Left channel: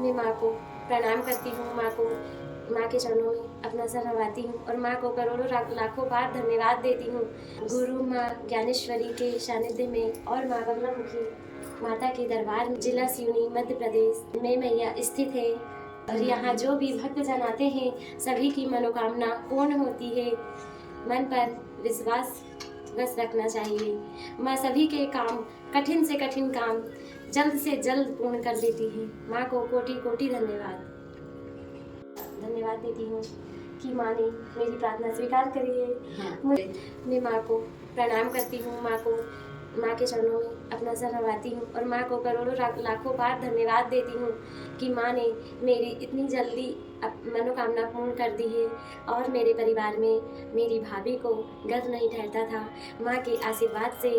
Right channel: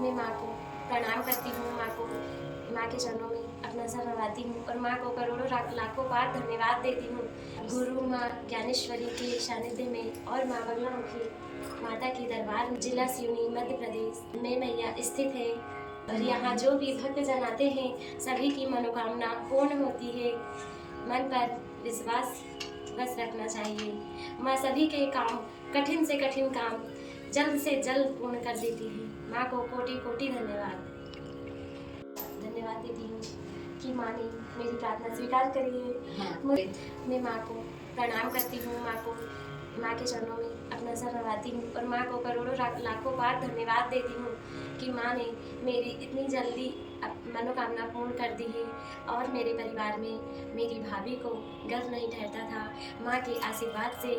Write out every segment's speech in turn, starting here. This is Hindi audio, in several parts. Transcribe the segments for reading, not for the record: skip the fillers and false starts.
मैं माँ को प्रणाम करती हूँ। माँ के चरणों में अपना सर नवाती हूँ और माँ को करोड़ों लाखों बार धन्यवाद देती हूँ। गुरु माँ ज्ञानेश्वरी के सानिध्य में और माँ बगलामुखी माता के दरबार में जिला सिवनी मध्य प्रदेश में मैया स्थित है और यहाँ जो भी भक्तजन आते हैं सभी की मनोकामना पूर्ण होती है। मन पर विश्वास बस रखना चाहिए। माँ सभी के काम, कठिन से कठिन काम जल्द से जल्द पूर्ण कर देती है। माँ को कोटि कोटि धन्यवाद देती हूँ कि माँ ने मेरी प्रार्थना स्वीकार करी है। मैं माँ को प्रणाम करती हूँ। माँ के चरणों में अपना सर नवाती हूँ और माँ को करोड़ों लाखों बार धन्यवाद देती हूँ कि माँ ने मेरी इतनी जल्दी मनोकामना पूर्ण कर दी है। और मेरे परिवार में मेरी भाभी को गर्भ नहीं ठहरता था, माँ के आशीर्वाद से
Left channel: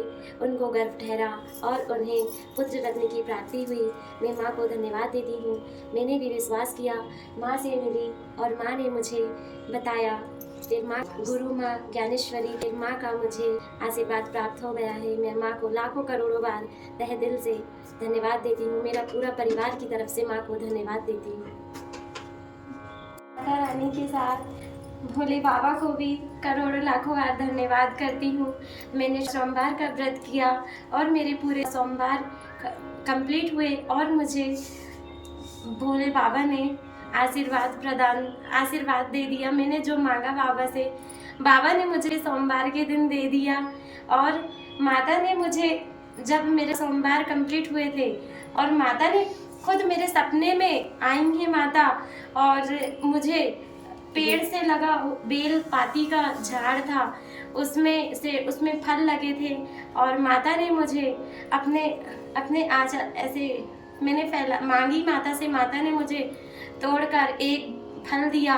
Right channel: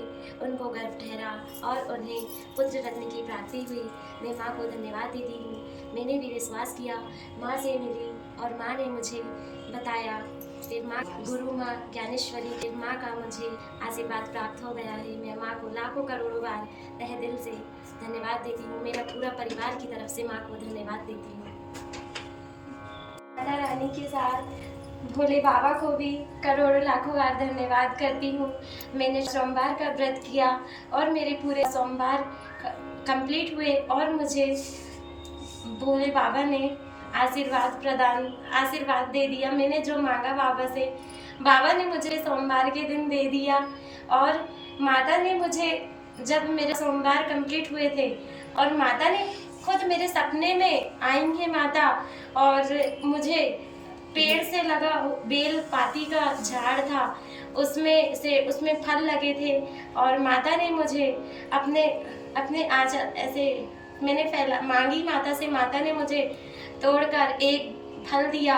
उनको गर्भ ठहरा और उन्हें पुत्र रत्न की प्राप्ति हुई। मैं माँ को धन्यवाद देती हूँ। मैंने भी विश्वास किया, माँ से मिली और माँ ने मुझे बताया। फिर माँ गुरु माँ ज्ञानेश्वरी फिर माँ का मुझे आशीर्वाद प्राप्त हो गया है। मैं माँ को लाखों करोड़ों बार तहे दिल से धन्यवाद देती हूँ। मेरा पूरा परिवार की तरफ से माँ को धन्यवाद देती हूँ। माता रानी के साथ भोले बाबा को भी करोड़ों लाखों बार धन्यवाद करती हूँ। मैंने सोमवार का व्रत किया और मेरे पूरे सोमवार कंप्लीट हुए और मुझे भोले बाबा ने आशीर्वाद दे दिया। मैंने जो मांगा बाबा से, बाबा ने मुझे सोमवार के दिन दे दिया। और माता ने मुझे, जब मेरे सोमवार कंप्लीट हुए थे और माता ने खुद मेरे सपने में आई है माता, और मुझे पेड़ से लगा बेल पाती का झाड़ था, उसमें फल लगे थे और माता ने मुझे अपने आंचल ऐसे मैंने मांगी माता से, माता ने मुझे तोड़कर एक फल दिया।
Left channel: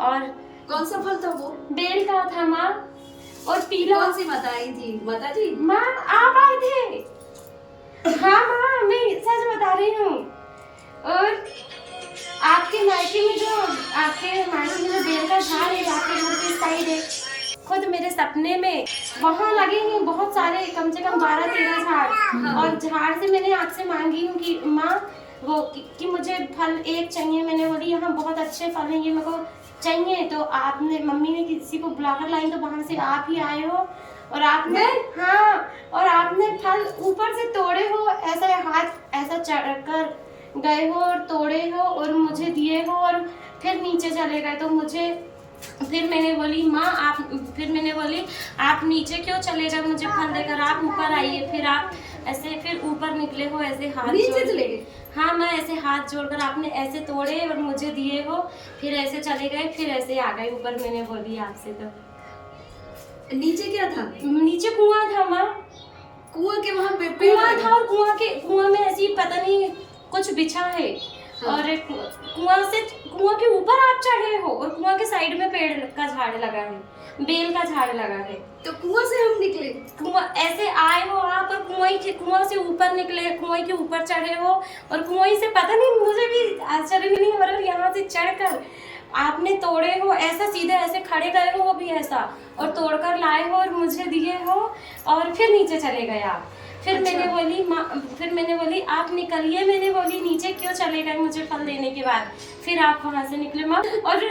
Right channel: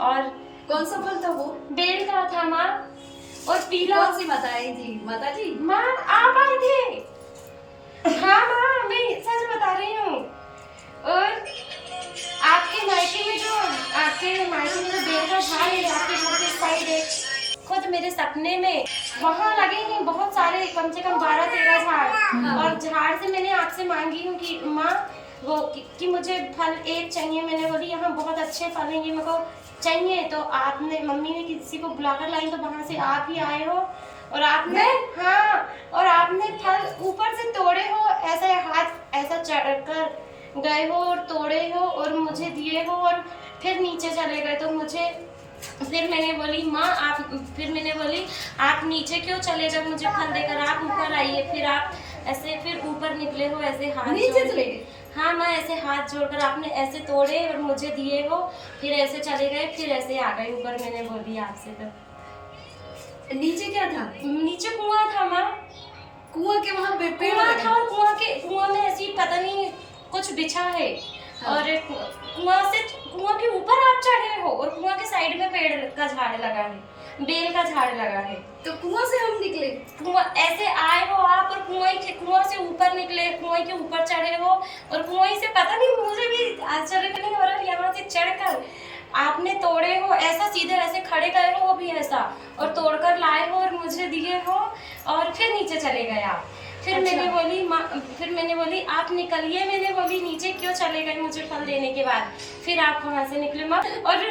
और कौन सा फल था वो? बेल का था माँ। और पीला। कौन सी माता आई थी? माता जी माँ आप आए थे। हाँ माँ, मैं सच बता रही हूँ। और आपके मायके में जो बेल का झाड़ है, आपके घर के साइड है, खुद मेरे सपने में वहाँ लगे हैं बहुत सारे, कम से कम 12-13 झाड़। और झाड़ से मैंने आपसे मांगी हूँ कि माँ वो कि मुझे फल एक चाहिए। मैंने बोली यहाँ बहुत अच्छे फल हैं, ये मेरे को चाहिए। तो आपने, मम्मी ने किसी को बुलाकर लाई, तो वहाँ से आप ही आए हो और आपने और आपने फल ऊपर से तोड़े हो, ऐसा हाथ ऐसा चढ़कर गए हो और तोड़े हो और मुझे दिए हो और फिर नीचे चले गए। तो फिर मैंने बोली माँ आप नीचे क्यों चले गए मुझे फल देकर, आप ऊपर आइए। फिर आप ऐसे फिर ऊपर निकले हो, ऐसे हाथ नीचे चले गए? हाँ माँ, ऐसे हाथ जोड़कर आपने ऐसे तोड़े और मुझे दिए हो, फिर ऐसे चले गए, फिर ऐसे आ गए ऊपर। मैंने बोली आपसे तो नीचे क्या था? नीचे कुआं था माँ। कुआं के वहाँ पे कुआं था और कुआं में ऐसी पता नहीं कुछ बिछा है। हाँ। और कुआं के ऊपर आप चढ़े हो और कुआं के साइड में पेड़ का झाड़ लगा है, बेल का झाड़ लगा है। तो कुआं से हम निकले? कुआं ऐसे आए हो आप और कुआं से ऊपर निकले, कुआं के ऊपर चढ़े हो और कुआं से पता नहीं, मुझे भी आश्चर्य नहीं हो रहा, यहाँ से चढ़कर आपने तोड़े हो, ऐसा सीधा ऐसे खड़े गए हो, वो भी ऐसा, और तोड़कर लाए हो और मुझे दिए हो और फिर नीचे चले गए आप। फिर मैंने बोली आप निकलिए। मैंने बोली नीचे क्यों चले गए मुझे फल देने के बाद। फिर आप वहाँ से निकले माँ, और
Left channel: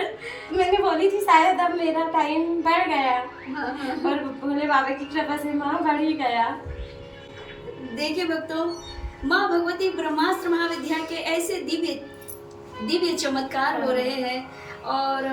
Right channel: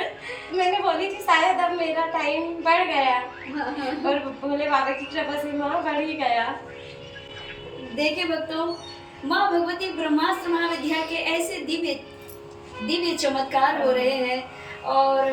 मैंने बोली थी शायद अब मेरा टाइम बढ़ गया। और भोले बाबा की कृपा से माँ बढ़ ही गया। देखिए भक्तों, माँ भगवती ब्रह्मास्त्र महाविद्या के ऐसे दिव्य चमत्कार हो रहे हैं। और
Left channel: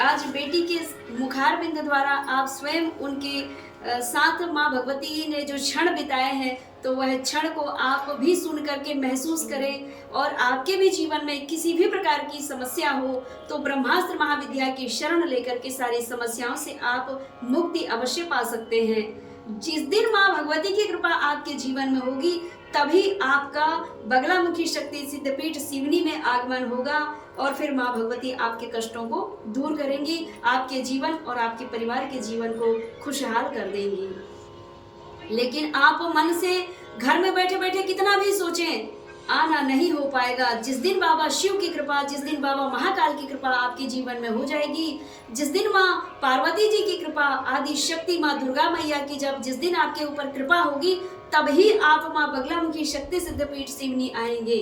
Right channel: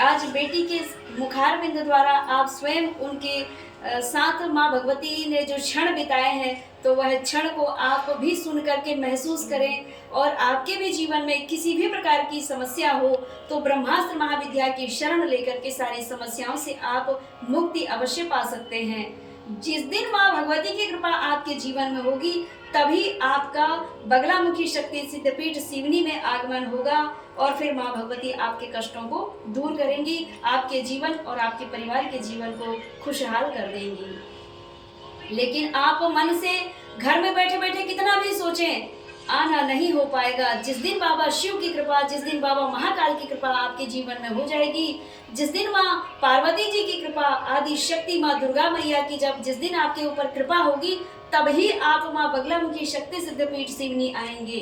आज बेटी के मुखार बिंद द्वारा आप स्वयं उनके साथ माँ भगवती ने जो क्षण बिताए हैं, तो वह क्षण को आप भी सुन करके महसूस करें। और आपके भी जीवन में किसी भी प्रकार की समस्या हो तो ब्रह्मास्त्र महाविद्या की शरण लेकर के सारी समस्याओं से आप मुक्ति अवश्य पा सकते हैं। जिस दिन माँ भगवती की कृपा आपके जीवन में होगी, तभी आपका बगलामुखी शक्ति सिद्धपीठ सिवनी में आगमन होगा और फिर माँ भगवती आपके कष्टों को दूर करेंगी, आपके जीवन और आपके परिवार के जीवन को खुशहाल कर देंगी। लेकिन आप मन से घर में बैठे बैठे कितना भी सोचें, आना नहीं हो पाएगा। जिस दिन बाबा शिव की कृपा, जिस दिन बाबा महाकाल की कृपा आपके जीवन में हो जाएगी, जिस दिन माँ पार्वती जी की कृपा, आदि शक्ति माँ दुर्गा मैया की जिस दिन आपके ऊपर कृपा होगी, तभी आप माँ बगलामुखी शक्ति सिद्धपीठ सिवनी आएंगे।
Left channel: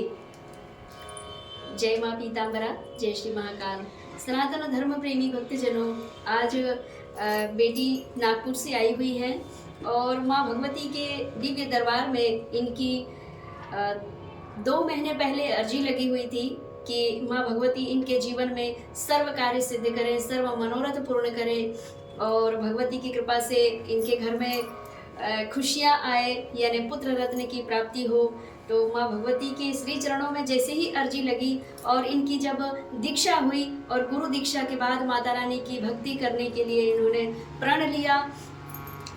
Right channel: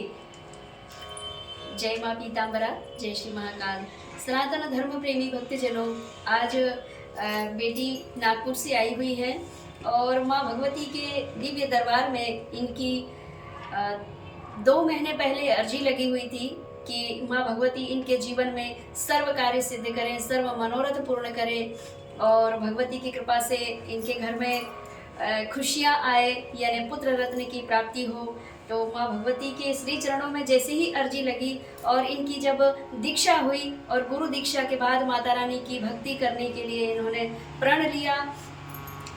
जय माँ पीताम्बरा, जय श्री महाकाल। सनातन धर्म प्रेमी भक्तजनों, आज बेटी नागपुर से आई हुई है और माँ भगवती के दिव्य दरबार में इनकी 2 महीने पहले अर्जी लगी हुई थी कि माँ भगवती इनके जीवन में सर्व कार्य सिद्ध करें, सर्व मनोरथ पूर्ण करें और भगवती की कृपा से इनके घर में खुशियाँ आए, यानी पुत्र रत्न की प्राप्ति हो। तो माँ भगवती के श्री चरणों में जैसे ही अर्जी लगी और इनकी जब दीक्षा हुई और गुरु दीक्षा के बाद माता रानी की भक्ति करने के लिए इन्होंने प्रण लिया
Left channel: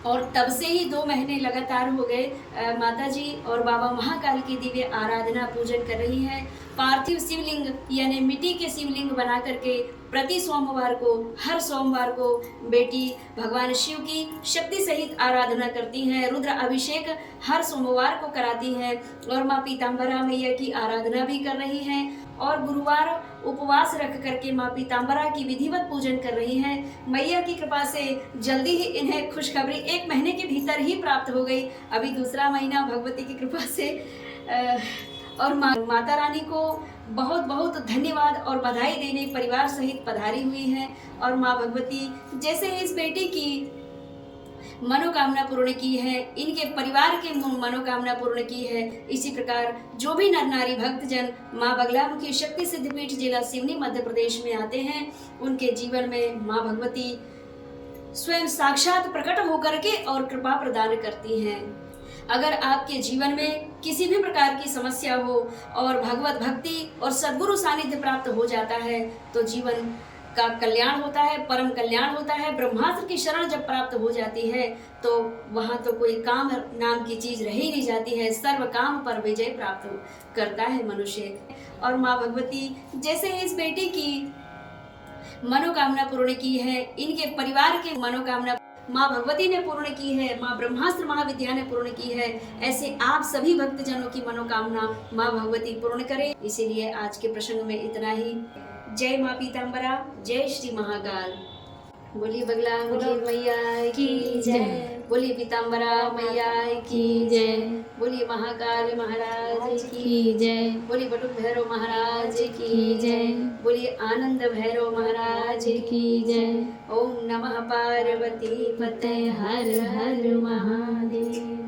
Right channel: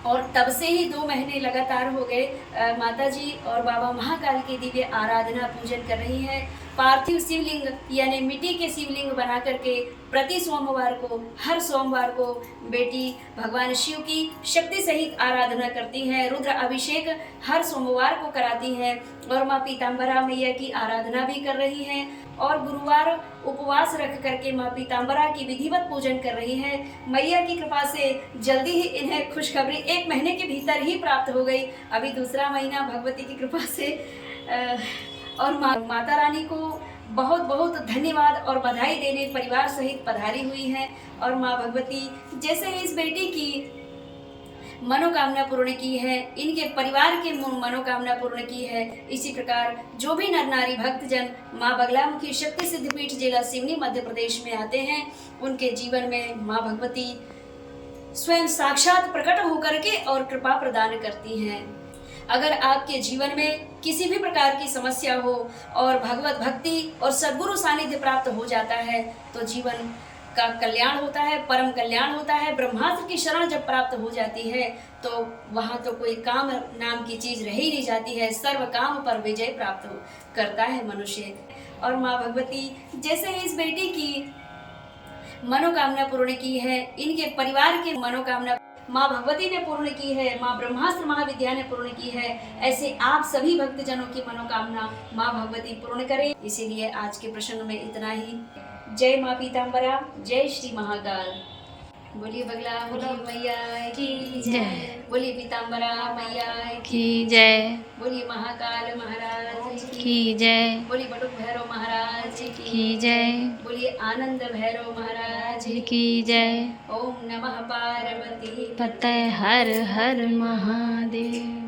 और तब से ही 2 महीने लगातार हो गए माता जी और बाबा महाकाल की दिव्य आराधना पूजन कर रही हैं। पार्थिव शिवलिंग यानी मिट्टी के शिवलिंग बना करके प्रति सोमवार को, हर सोमवार को बेटी भगवान शिव की शक्ति सहित आराधना करती हैं। रुद्र अभिषेक हर सोमवार को कराती हैं और माँ पीताम्बरा मैया की आराधना भी कर रही हैं और गुरुवार उपवास रख करके माँ पीताम्बरा की विधिवत पूजन कर रही हैं। मैया की कृपा से जल्दी ही इन्हें खुशखबरी 1 महीने के भीतर ही प्राप्त हो गई। अभी दूसरा महीना भगवती की कृपा से और माता रानी को बहुत बहुत धन्यवाद और बधाई देने परिवार सहित पधारी हुई हैं और माँ भगवती जैसे इस बेटी की मनोकामना पूर्ण की है, इनके परिवार के मनोकामना पूर्ण की है, इसी प्रकार जो भी नर नारी भक्तजन माँ बगलामुखी शक्ति सिद्धपीठ जिला सिवनी मध्य प्रदेश में आते हैं, उनके जीवन में माँ भगवती स्वयं साक्षात प्रकट होकर के और कृपा प्रदान करती हैं। अगर आपके जीवन में किसी भी प्रकार की समस्या हो और भगवत भक्ति और सद्गुरु सानिध्य प्राप्त हो जाता है तो जीवन का कल्याण होता है, परम कल्याण होता है। ब्रह्मास्त्र की शरण जब प्राप्त हो जाती है तो वहाँ तो कोई काम नाम की चीज रह ही नहीं जाती है, सर्व काम पर विजय प्राप्त करता है मनुष्य। और माँ भगवती जैसे इस बेटी की मनोकामना पूर्ण की है, इनके परिवार की मनोकामना माँ भगवती ने पूर्ण की है, माँ ब्रह्मास्त्र महाविद्या ने पूर्ण की है, ऐसे आप सभी भक्तजनों की मनोकामना माँ भगवती पूर्ण करे। इसीलिए आज के प्रसंग में इतना ही। जय माँ पीताम्बरा, जय श्री महाकाल। बोलिए बगला मुखी मैया की जय, बोलिए पीताम्बरा मैया की जय, बोलिए महाकाल महाराज की जय, बोलिए बटुक भैरव महाराज की जय, बोलिए आनंद भैरव महाराज की जय। ओम नमः पार्वती पतये हर हर महादेव।